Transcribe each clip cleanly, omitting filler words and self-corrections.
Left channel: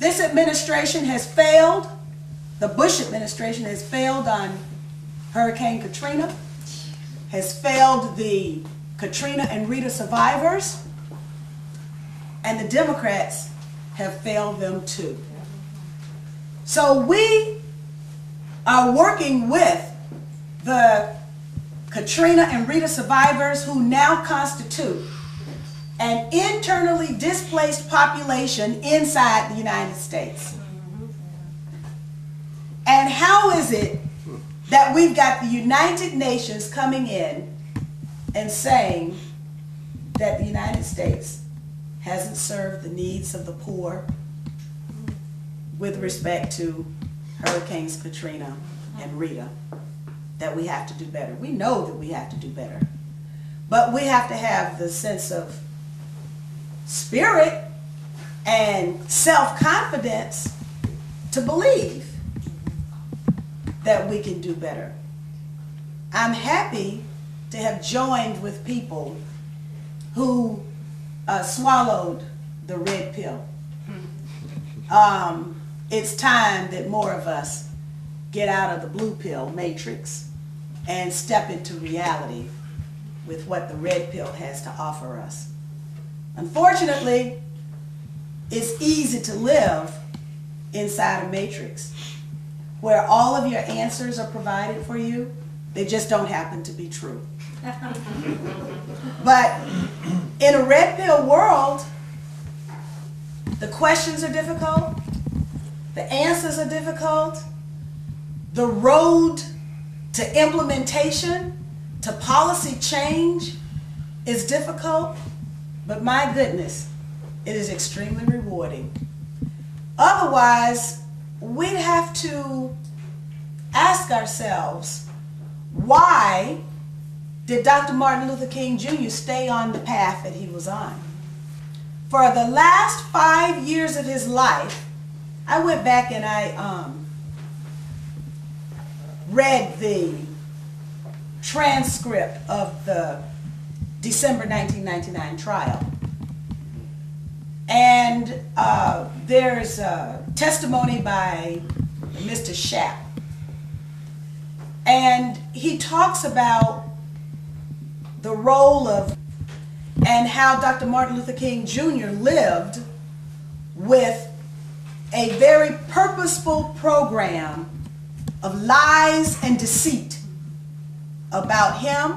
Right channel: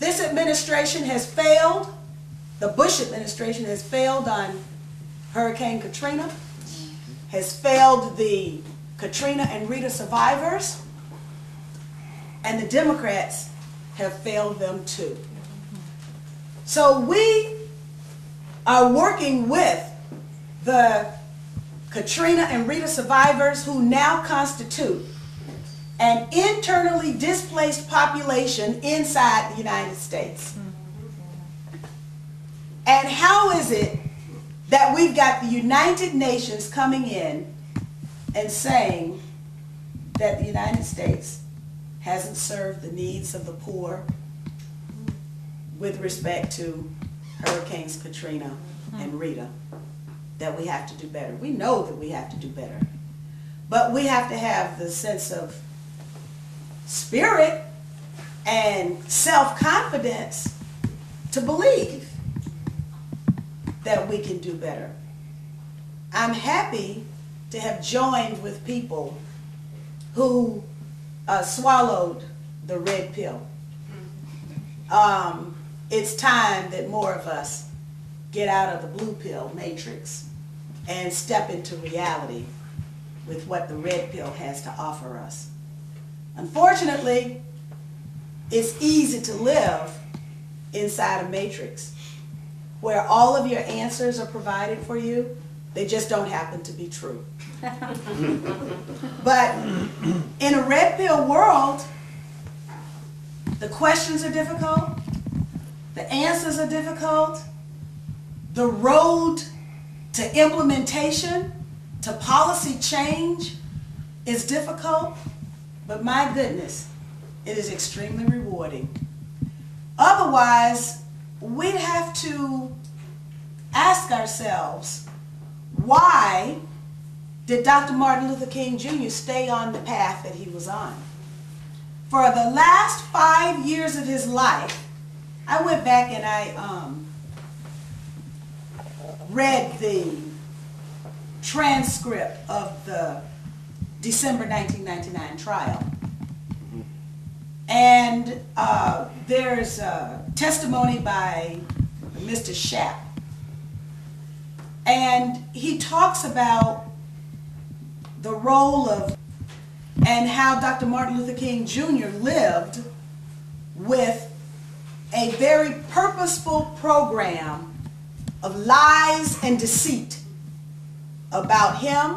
This administration has failed. The Bush administration has failed on Hurricane Katrina, has failed the Katrina and Rita survivors, and the Democrats have failed them too. So we are working with the Katrina and Rita survivors, who now constitute an internally displaced population inside the United States. And how is it that we've got the United Nations coming in and saying that the United States hasn't served the needs of the poor with respect to Hurricanes Katrina and Rita? That we have to do better. We know that we have to do better. But we have to have the sense of spirit and self-confidence to believe that we can do better. I'm happy to have joined with people who swallowed the red pill. It's time that more of us get out of the blue pill matrix and step into reality with what the red pill has to offer us. Unfortunately, it's easy to live inside a matrix where all of your answers are provided for you. They just don't happen to be true. But in a red pill world, the questions are difficult, the answers are difficult, the road to implementation, to policy change is difficult, but my goodness, it is extremely rewarding. Otherwise, we'd have to ask ourselves, why did Dr. Martin Luther King Jr. stay on the path that he was on? For the last 5 years of his life, I went back and I read the transcript of the December 1999 trial. And there's a testimony by Mr. Shapp. And he talks about the role of and how Dr. Martin Luther King Jr. lived with a very purposeful program of lies and deceit about him,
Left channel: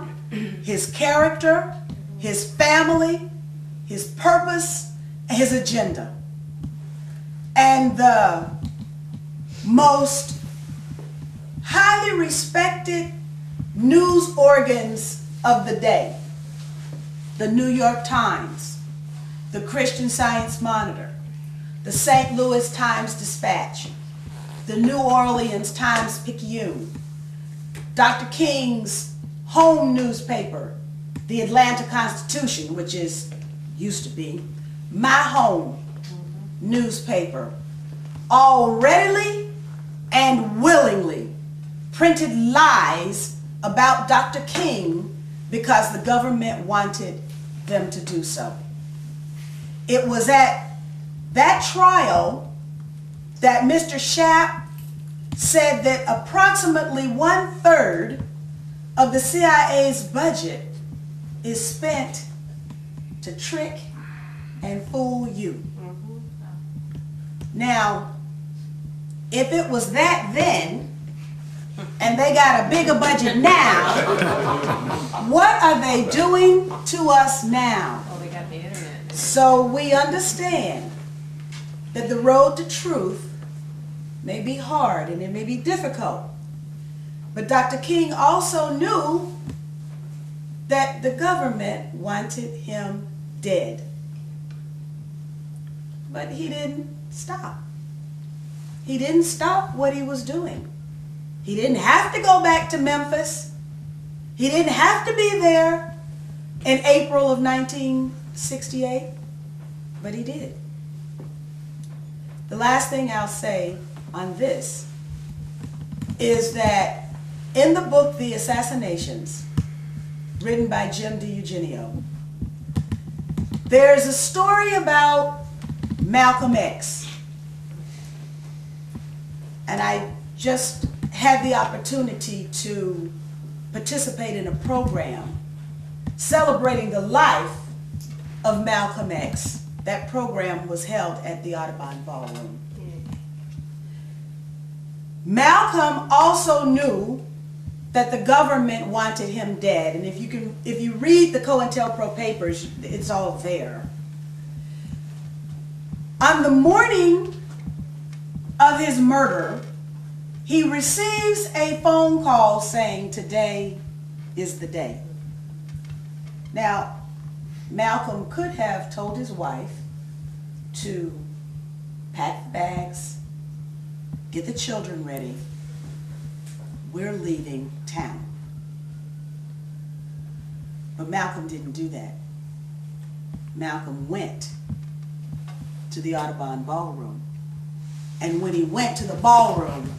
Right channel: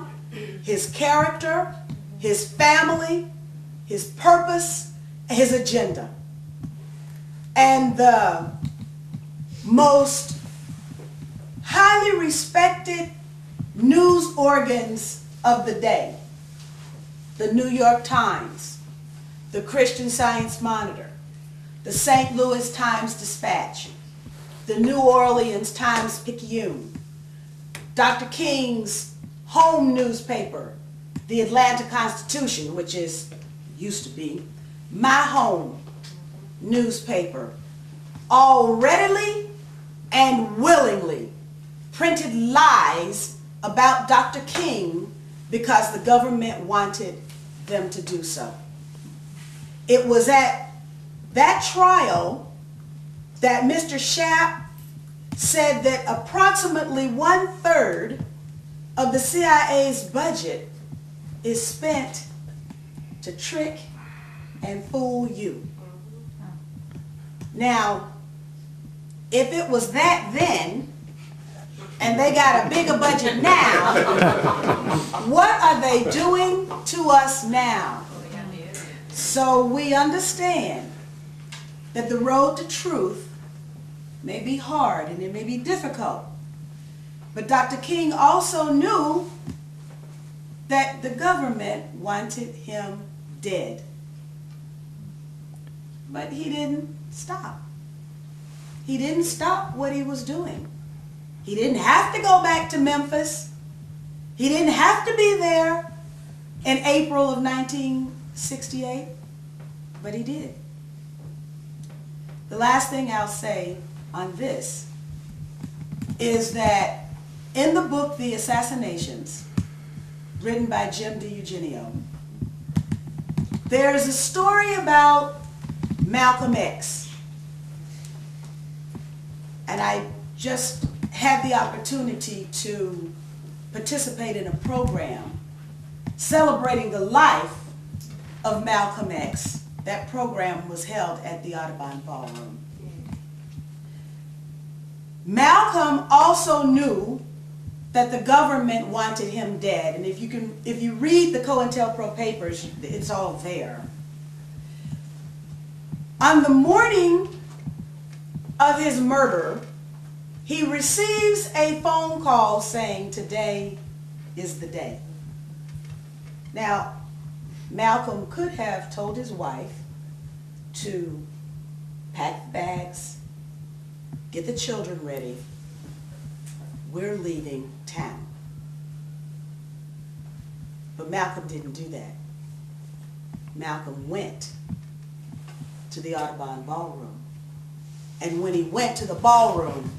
his character, his family, his purpose, and his agenda. And the most highly respected news organs of the day, the New York Times, the Christian Science Monitor, the St. Louis Times-Dispatch, the New Orleans Times-Picayune, Dr. King's home newspaper, the Atlanta Constitution, which used to be my home newspaper, all readily and willingly printed lies about Dr. King because the government wanted them to do so. It was at that trial that Mr. Shapp said that approximately 1/3 of the CIA's budget is spent to trick and fool you. Now, if it was that then, and they got a bigger budget now, what are they doing to us now? Oh, they got the internet. So we understand that the road to truth may be hard and it may be difficult. But Dr. King also knew that the government wanted him dead. But he didn't stop. He didn't stop what he was doing. He didn't have to go back to Memphis. He didn't have to be there in April of 1968, but he did. The last thing I'll say on this is that in the book, The Assassinations, written by Jim DiEugenio, there's a story about Malcolm X And I just had the opportunity to participate in a program celebrating the life of Malcolm X. That program was held at the Audubon Ballroom. Malcolm also knew that the government wanted him dead, and if you read the COINTELPRO papers, it's all there. On the morning of his murder, he receives a phone call saying, "Today is the day." Now, Malcolm could have told his wife to pack the bags, get the children ready, we're leaving town. But Malcolm didn't do that. Malcolm went to the Audubon Ballroom. And when he went to the ballroom,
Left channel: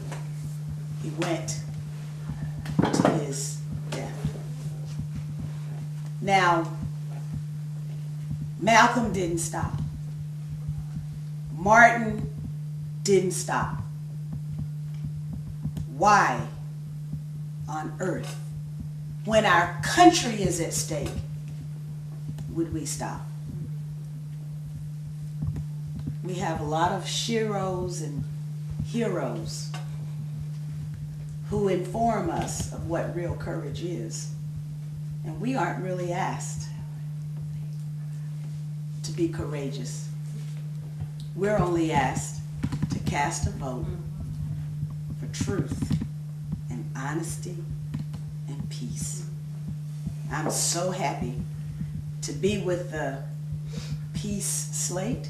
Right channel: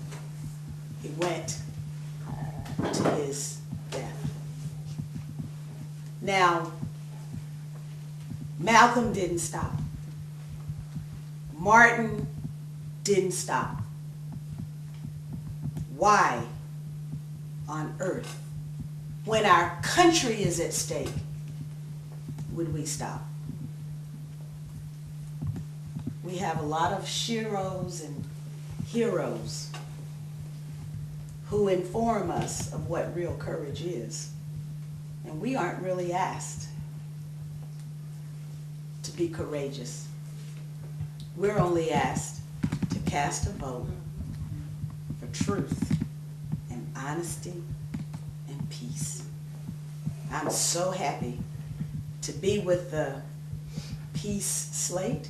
he went to his death. Now, Malcolm didn't stop. Martin didn't stop. Why on earth, when our country is at stake, would we stop? We have a lot of sheroes and heroes who inform us of what real courage is. And we aren't really asked to be courageous. We're only asked to cast a vote for truth and honesty and peace. I'm so happy to be with the Peace Slate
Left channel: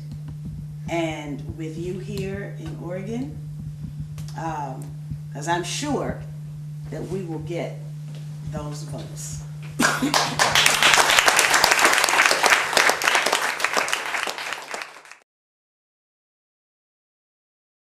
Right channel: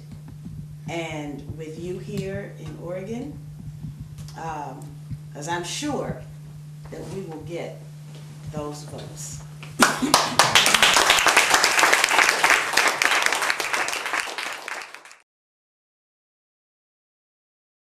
and with you here in Oregon, because I'm sure that we will get those votes.